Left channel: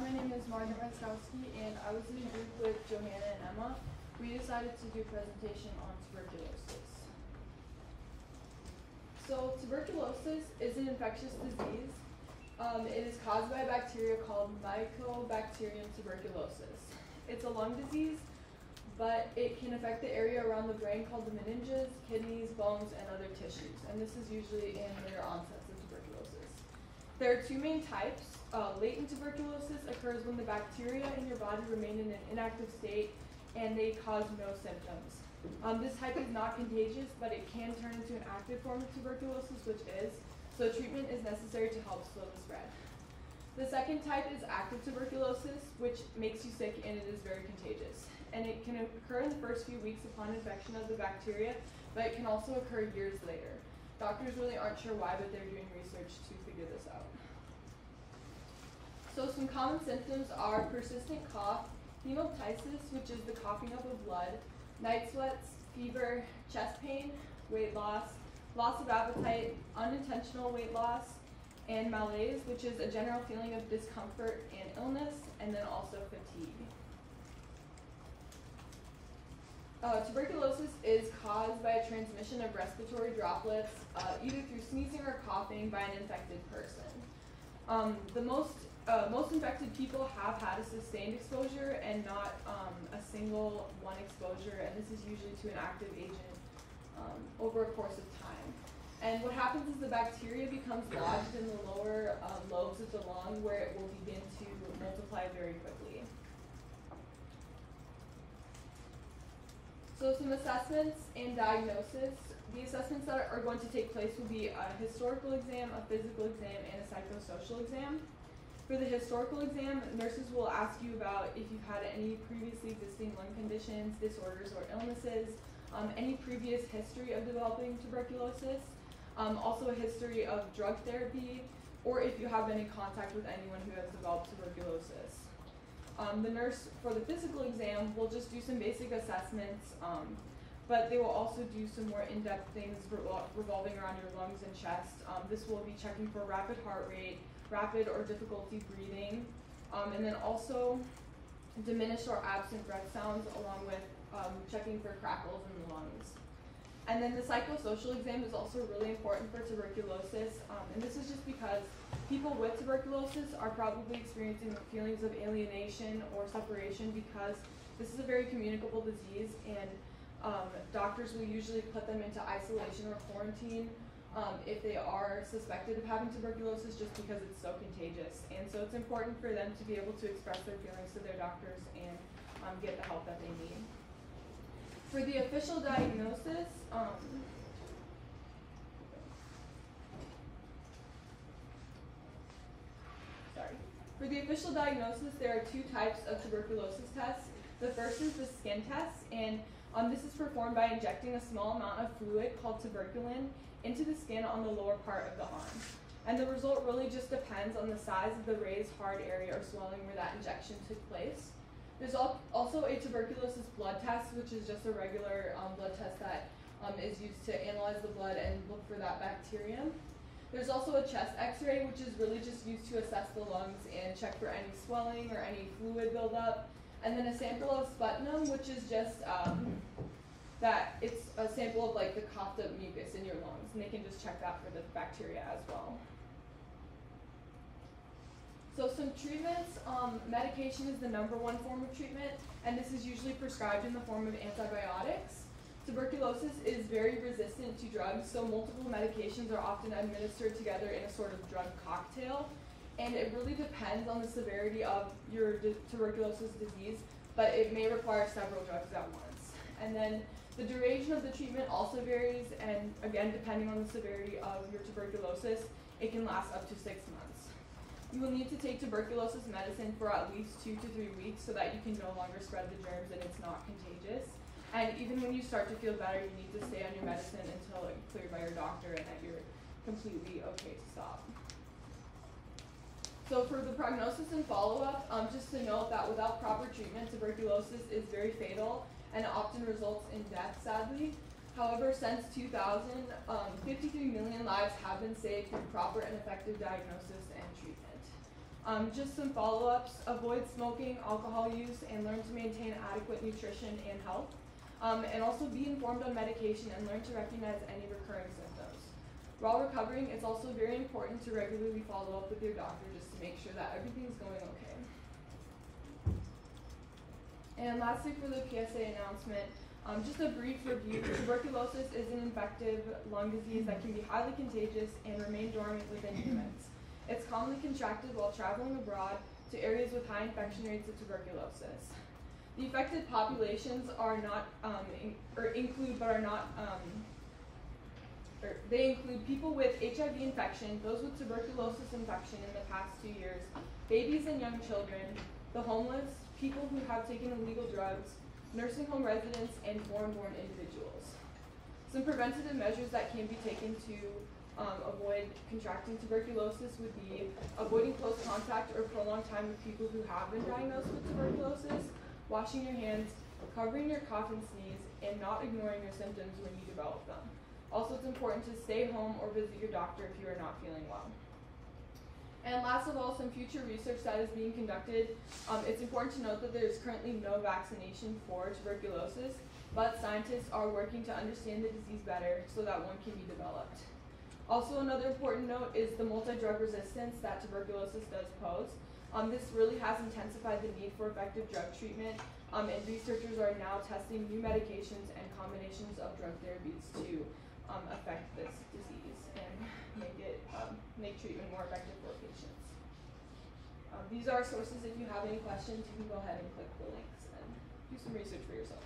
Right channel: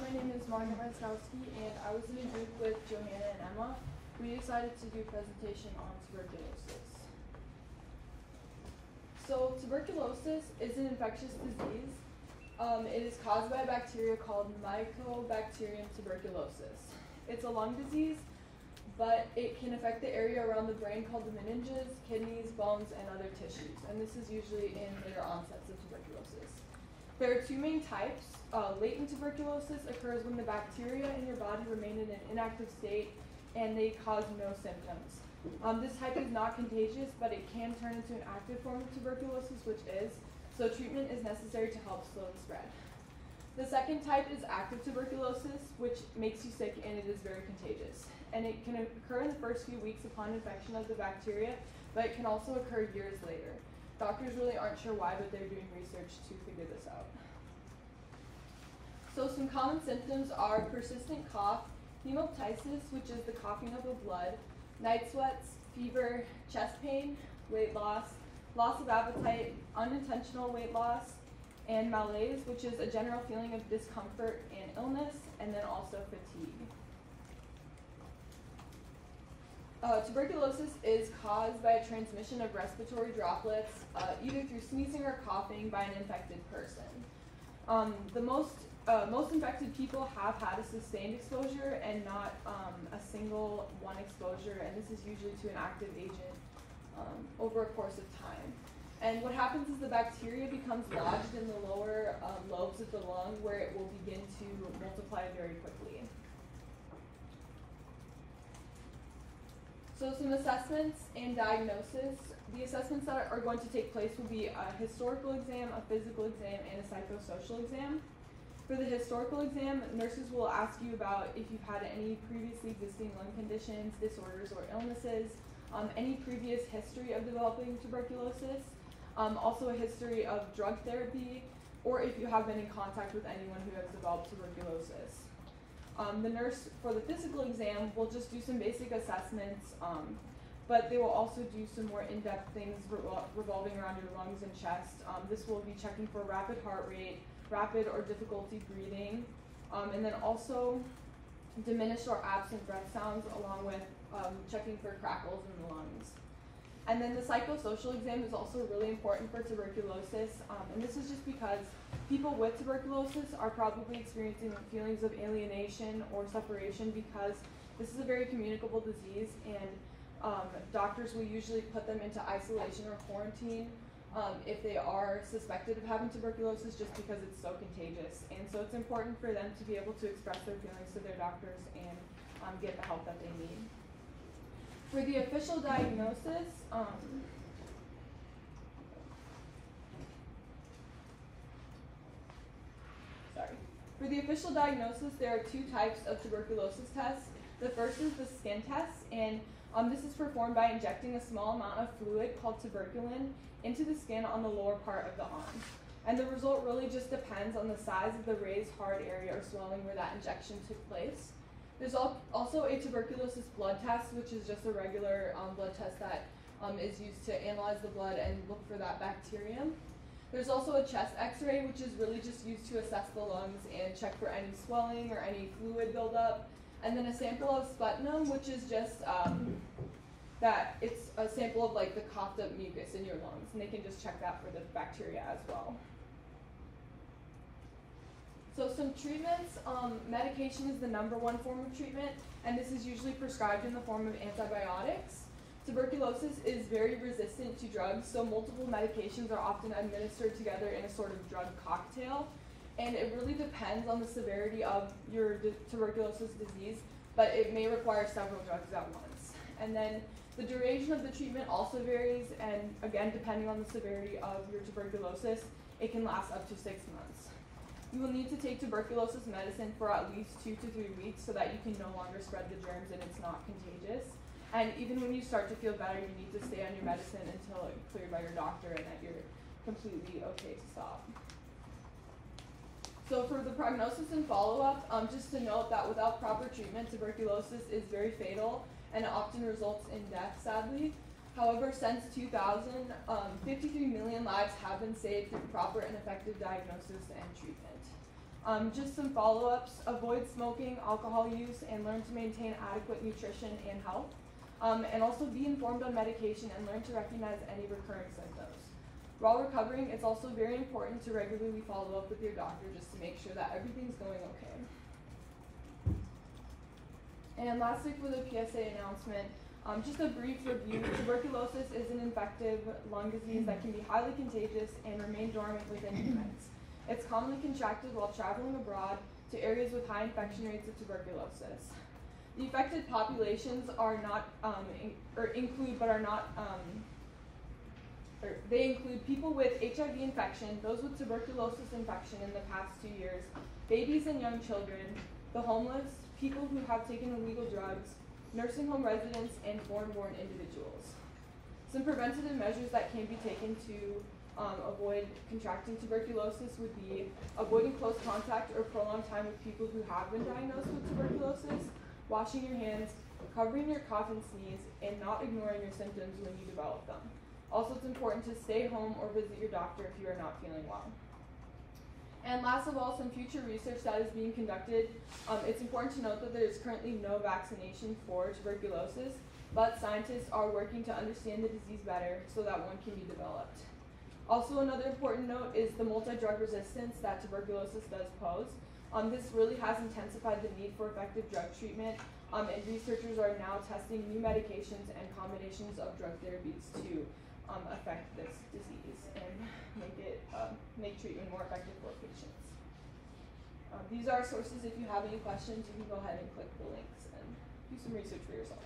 my name is Margaret Ranskowski, and I was in a group with Johanna and Emma. We decided to do a presentation on tuberculosis. So tuberculosis is an infectious disease. It is caused by a bacteria called Mycobacterium tuberculosis. It's a lung disease, but it can affect the area around the brain called the meninges, kidneys, bones, and other tissues. And this is usually in later onsets of tuberculosis. There are two main types. Latent tuberculosis occurs when the bacteria in your body remain in an inactive state and they cause no symptoms. This type is not contagious, but it can turn into an active form of tuberculosis, which is, so treatment is necessary to help slow the spread. The second type is active tuberculosis, which makes you sick and it is very contagious. And it can occur in the first few weeks upon infection of the bacteria, but it can also occur years later. Doctors really aren't sure why, but they're doing research to figure this out. So some common symptoms are persistent cough, hemoptysis, which is the coughing up of blood, night sweats, fever, chest pain, weight loss, loss of appetite, unintentional weight loss, and malaise, which is a general feeling of discomfort and illness, and then also fatigue. Tuberculosis is caused by a transmission of respiratory droplets, either through sneezing or coughing by an infected person. Most infected people have had a sustained exposure and not a single one exposure, and this is usually to an active agent over a course of time. And what happens is the bacteria becomes lodged in the lower lobes of the lung, where it will begin to multiply very quickly. So some assessments and diagnosis. The assessments that are going to take place will be a historical exam, a physical exam, and a psychosocial exam. For the historical exam, nurses will ask you about if you've had any previously existing lung conditions, disorders, or illnesses, any previous history of developing tuberculosis, also a history of drug therapy, or if you have been in contact with anyone who has developed tuberculosis. The nurse for the physical exam will just do some basic assessments, but they will also do some more in-depth things revolving around your lungs and chest. This will be checking for rapid heart rate, rapid or difficulty breathing, and then also diminished or absent breath sounds, along with checking for crackles in the lungs. And then the psychosocial exam is also really important for tuberculosis, and this is just because people with tuberculosis are probably experiencing feelings of alienation or separation, because this is a very communicable disease, and doctors will usually put them into isolation or quarantine if they are suspected of having tuberculosis, just because it's so contagious. And so it's important for them to be able to express their feelings to their doctors and get the help that they need. For the official diagnosis, For the official diagnosis, there are two types of tuberculosis tests. The first is the skin test, and this is performed by injecting a small amount of fluid called tuberculin into the skin on the lower part of the arm. And the result really just depends on the size of the raised hard area or swelling where that injection took place. There's also a tuberculosis blood test, which is just a regular blood test that is used to analyze the blood and look for that bacterium. There's also a chest x-ray, which is really just used to assess the lungs and check for any swelling or any fluid buildup. And then a sample of sputum, which is just that it's a sample of like the coughed up mucus in your lungs, and they can just check that for the bacteria as well. So some treatments, medication is the #1 form of treatment, and this is usually prescribed in the form of antibiotics. Tuberculosis is very resistant to drugs, so multiple medications are often administered together in a sort of drug cocktail. And it really depends on the severity of your tuberculosis disease, but it may require several drugs at once. And then the duration of the treatment also varies, and again, depending on the severity of your tuberculosis, it can last up to 6 months. You will need to take tuberculosis medicine for at least 2 to 3 weeks so that you can no longer spread the germs and it's not contagious. And even when you start to feel better, you need to stay on your medicine until it's cleared by your doctor and that you're completely okay to stop. So for the prognosis and follow-up, just to note that without proper treatment, tuberculosis is very fatal and it often results in death, sadly. However, since 2000, 53 million lives have been saved through proper and effective diagnosis and treatment. Just some follow-ups: avoid smoking, alcohol use, and learn to maintain adequate nutrition and health. And also be informed on medication and learn to recognize any recurring symptoms. While recovering, it's also very important to regularly follow up with your doctor just to make sure that everything's going okay. And lastly, for the PSA announcement, just a brief review. Tuberculosis is an infective lung disease that can be highly contagious and remain dormant within humans. It's commonly contracted while traveling abroad to areas with high infection rates of tuberculosis. The affected populations are not, they include people with HIV infection, those with tuberculosis infection in the past 2 years, babies and young children, the homeless, people who have taken illegal drugs, nursing home residents, and foreign-born individuals. Some preventative measures that can be taken to avoid contracting tuberculosis would be avoiding close contact or prolonged time with people who have been diagnosed with tuberculosis, washing your hands, covering your cough and sneeze, and not ignoring your symptoms when you develop them. Also, it's important to stay home or visit your doctor if you are not feeling well. And last of all, some future research that is being conducted. It's important to note that there is currently no vaccination for tuberculosis, but scientists are working to understand the disease better so that one can be developed. Also, another important note is the multi-drug resistance that tuberculosis does pose. This really has intensified the need for effective drug treatment, and researchers are now testing new medications and combinations of drug therapies to affect this disease and make treatment more effective for patients. These are our sources. If you have any questions, you can go ahead and click the links and do some research for yourself.